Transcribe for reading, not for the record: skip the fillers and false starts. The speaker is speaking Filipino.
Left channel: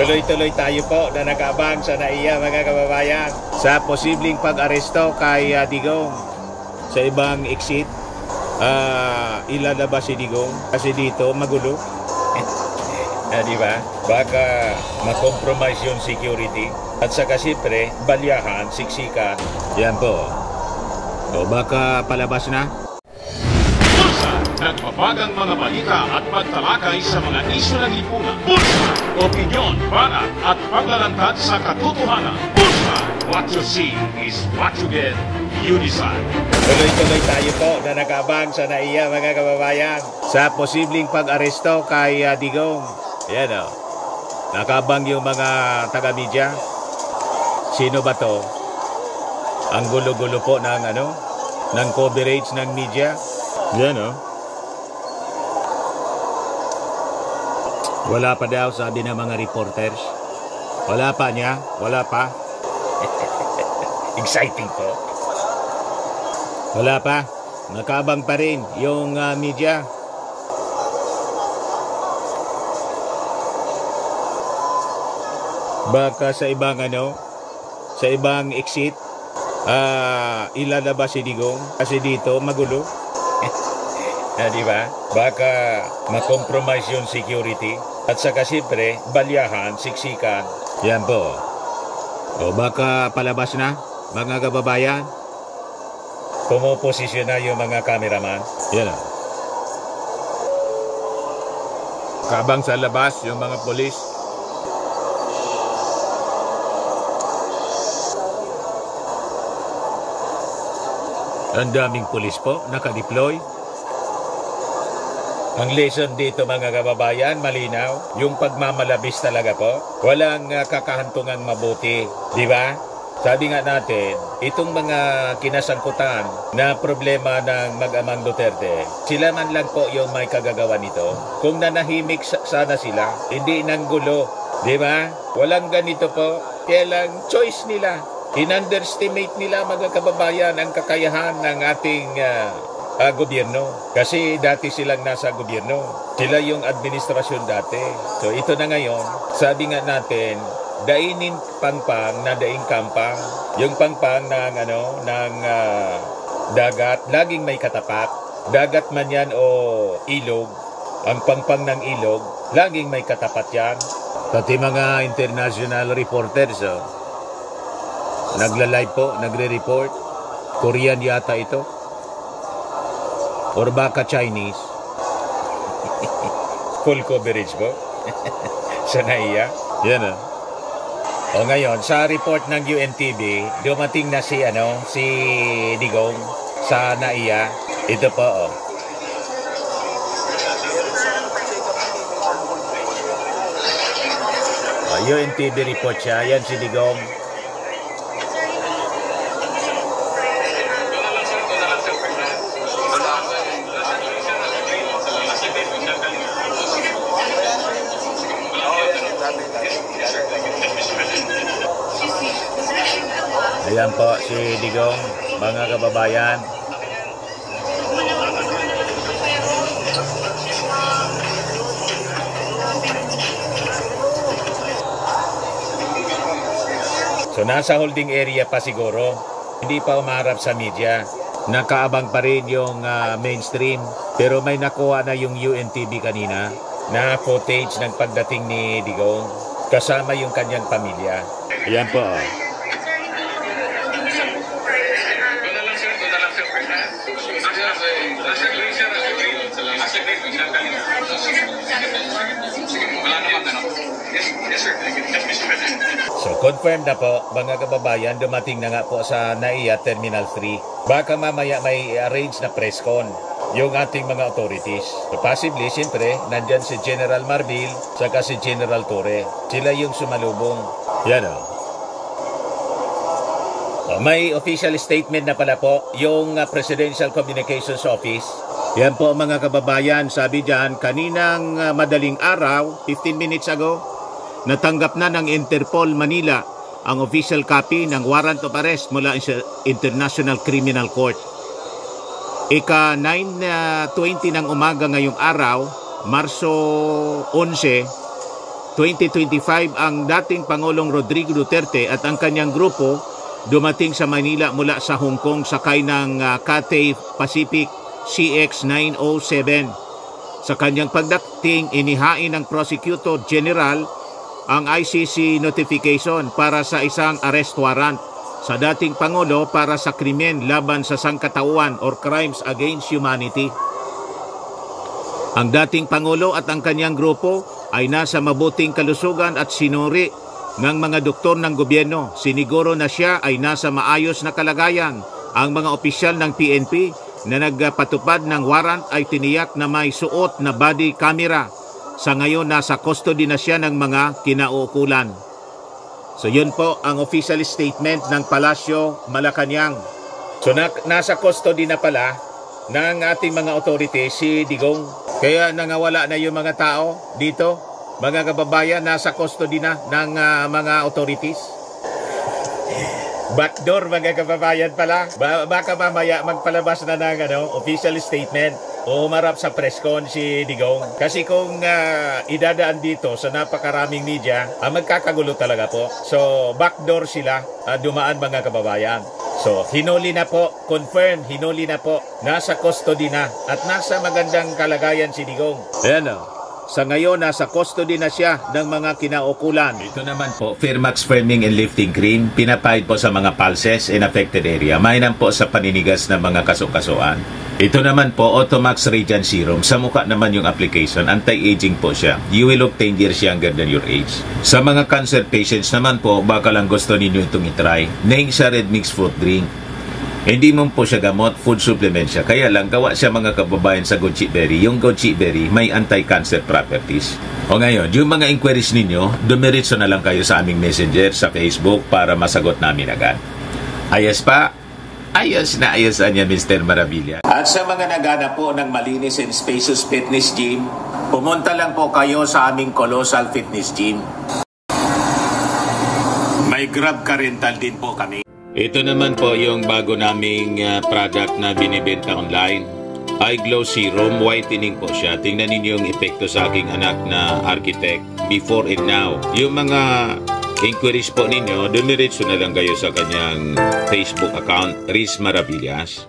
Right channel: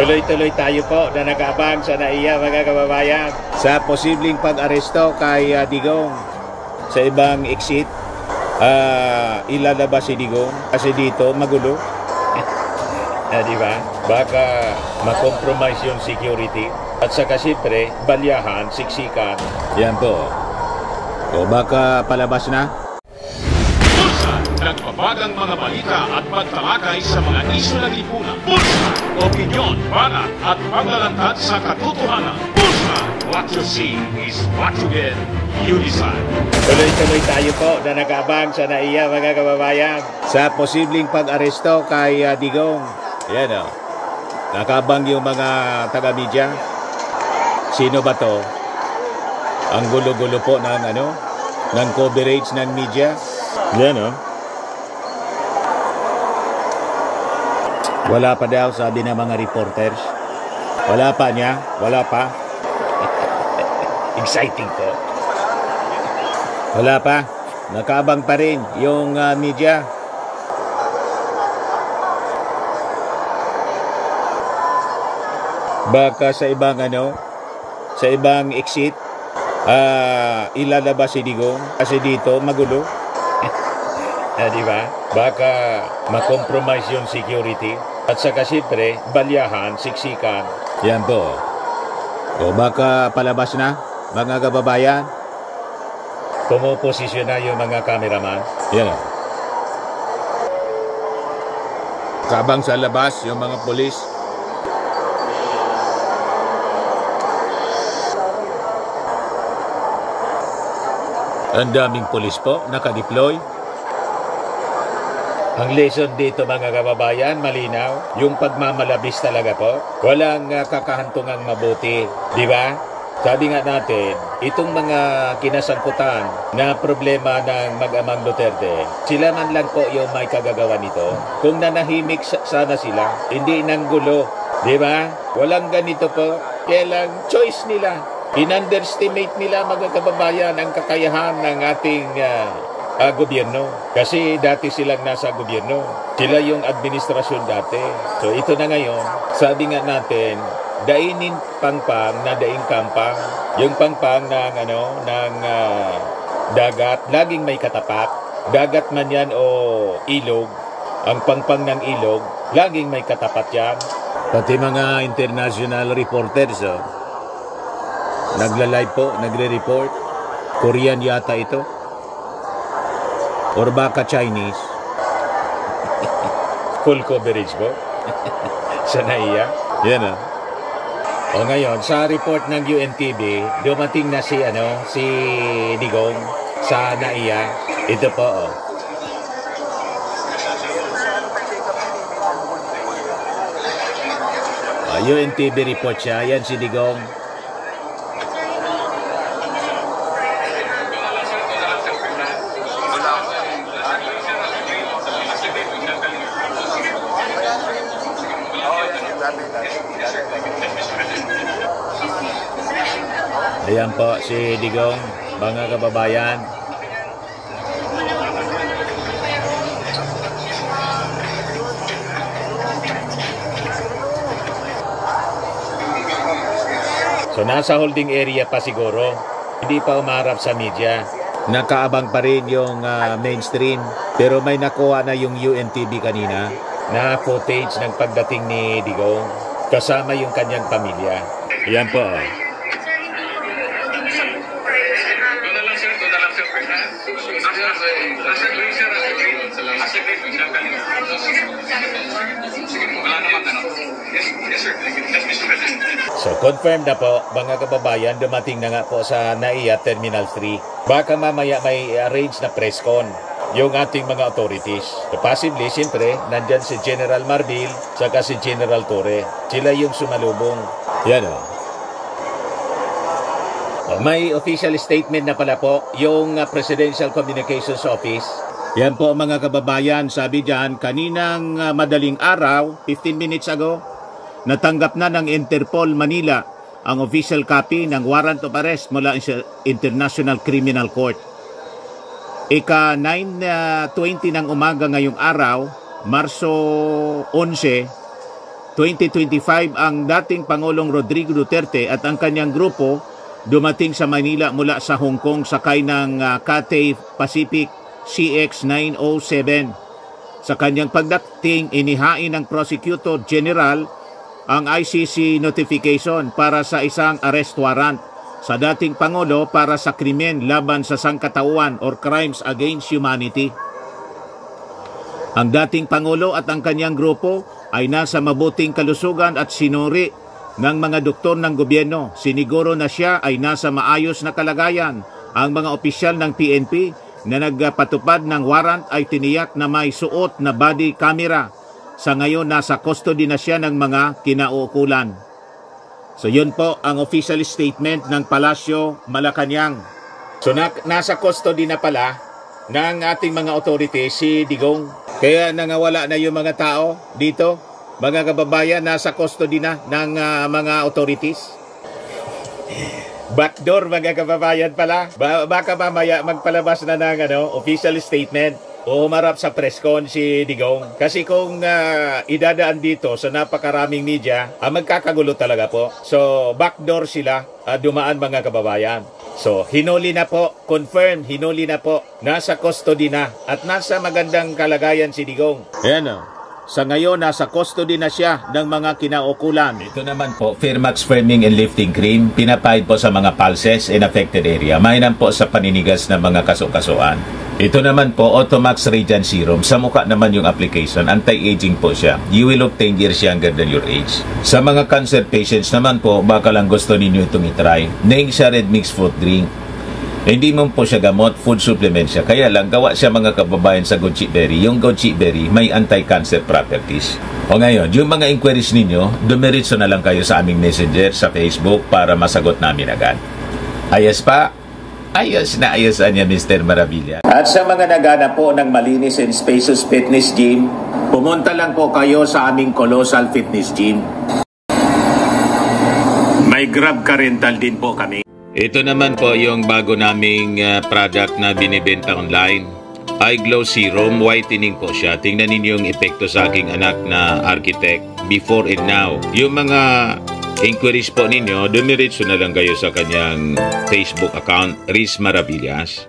Tuloy-tuloy tayo po na nag-abang sa NAIA mga kababayan sa posibleng pag-aresto kay Digong sa ibang exit. Ilalabas si Digong kasi dito magulo. Di ba? Baka makompromise yung security at saka siyempre balyahan, siksikan. Yan po. O baka palabas na. Nagpapagang mga balita at pagtalakay sa mga isyu ng lipunan. Bulsa! Opinyon, banat at paglalantad sa katotohanan. Bulsa! What you see is what you get. You decide. Tuloy-tuloy tayo po na nag-abang sa NAIA mga kababayan sa posibleng pag-aresto kay Digong. Ayan o. Nakabang yung mga taga-media. Sino ba to? Ang gulo-gulo po ng ng coverage ng media. Ayan o. Wala pa daw, sabi ng mga reporters. Wala pa niya, wala pa. Exciting to. Wala pa. Nakabang pa rin yung media. Baka sa ibang sa ibang exit, ilalabas si Digong kasi dito magulo. Di ba? Baka makompromise yung security at saka siyempre balyahan, siksikan. Yan po. O baka palabas na mga kababayan. Pumoposisyon na yung mga cameraman. Yan o. Kabang sa labas yung mga polis. Ang daming polis po nakadeploy. Ang lesson dito mga kababayan, malinaw. Yung pagmamalabis talaga po. Walang kakahantungang mabuti. Di ba? Sabi nga natin, itong mga kinasangkutan na problema ng mag-amang Duterte, sila man lang po yung may kagagawa nito. Kung nanahimik sana sila, hindi nang gulo. Di ba? Walang ganito po. Kaya lang choice nila. In-underestimate nila mga kababayan ang kakayahan ng ating gobyerno. Kasi dati silang nasa gobyerno. Sila yung administrasyon dati. So ito na ngayon, sabi nga natin, dainin pangpang na daing kampang. Yung pangpang ng dagat, laging may katapat. Dagat man yan o ilog, ang pangpang ng ilog, laging may katapat yan. Pati mga international reporters, nagla-live po, nagre-report. Korean yata ito. Or baka Chinese. Full coverage po. Sa NAIA. Yan o. O ngayon, sa report ng UNTV, dumating na si Digong sa NAIA. Ito po o. UNTV report siya. Yan si Digong. Ayan po si Digong, mga kababayan. So nasa holding area pa siguro. Hindi pa umarap sa media. Nakaabang pa rin yung mainstream. Pero may nakuha na yung UNTV kanina na footage ng pagdating ni Digong. Kasama yung kanyang pamilya. Ayan po. So confirmed na po mga kababayan, dumating na nga po sa NAIA Terminal 3. Baka mamaya may arrange na press con yung ating mga authorities. So possibly, siyempre, nandyan si General Marbil saka si General Torre. Sila yung sumalubong. Yan o. May official statement na pala po yung Presidential Communications Office. Yan po mga kababayan, sabi dyan, kaninang madaling araw, 15 minutes ago, natanggap na ng Interpol Manila ang official copy ng warrant of arrest mula sa International Criminal Court. Ika 9:20 ng umaga ngayong araw, Marso 11, 2025 ang dating Pangulong Rodrigo Duterte at ang kanyang grupo dumating sa Manila mula sa Hong Kong sakay ng Cathay Pacific CX-907. Sa kanyang pagdating, inihain ng Prosecutor General ang ICC notification para sa isang arrest warrant sa dating Pangulo para sa krimen laban sa sangkatauhan or crimes against humanity. Ang dating Pangulo at ang kanyang grupo ay nasa mabuting kalusugan at sinuri ng mga doktor ng gobyerno. Siniguro na siya ay nasa maayos na kalagayan. Ang mga opisyal ng PNP na nagpatupad ng warrant ay tiniyak na may suot na body camera. Sa ngayon, nasa custody na siya ng mga kinauukulan. So yun po ang official statement ng Palasyo Malacanang. So nasa custody na pala ng ating mga authorities si Digong. Kaya nangawala na yung mga tao dito. Mga kababayan, nasa custody na ng mga authorities. Backdoor mga kababayan pala. Baka mamaya magpalabas na ng official statement o humarap sa presscon si Digong. Kasi kung idadaan dito sa napakaraming media, magkakagulo talaga po. So backdoor sila dumaan mga kababayan. So hinuli na po, confirmed, hinuli na po. Nasa custody na at nasa magandang kalagayan si Digong. Ayan o. Sa ngayon, nasa custody na siya ng mga kinaukulan. Ito naman po, Firmax Firming and Lifting Cream. Pinapahid po sa mga pulses in affected area. Mainam po sa paninigas ng mga kasukasuan. Ito naman po, Automax Radiant Serum. Sa mukha naman yung application. Anti-aging po siya. You will look 10 years younger than your age. Sa mga cancer patients naman po, baka lang gusto ninyo itong itry. Nengsa Red Mix Fruit Drink. Hindi mo po siya gamot, food supplement siya. Kaya lang, gawa siya mga kababayan sa goji berry. Yung goji berry may anti-cancer properties. O ngayon, yung mga inquiries ninyo, dumiritso na lang kayo sa aming messenger sa Facebook para masagot namin agad. Ayos pa? Ayos na ayosan niya, Mr. Maravilla. At sa mga naghanap po ng malinis and spacious fitness gym, pumunta lang po kayo sa aming Colossal Fitness Gym. May Grab Car Rental din po kami. Ito naman po yung bago naming product na binibenta online. Eye Glow Serum, whitening po siya. Tingnan ninyo yung epekto sa aking anak na architect before and now. Yung mga inquiries po ninyo, dumiretso na lang kayo sa kanyang Facebook account, Riz Maravillas.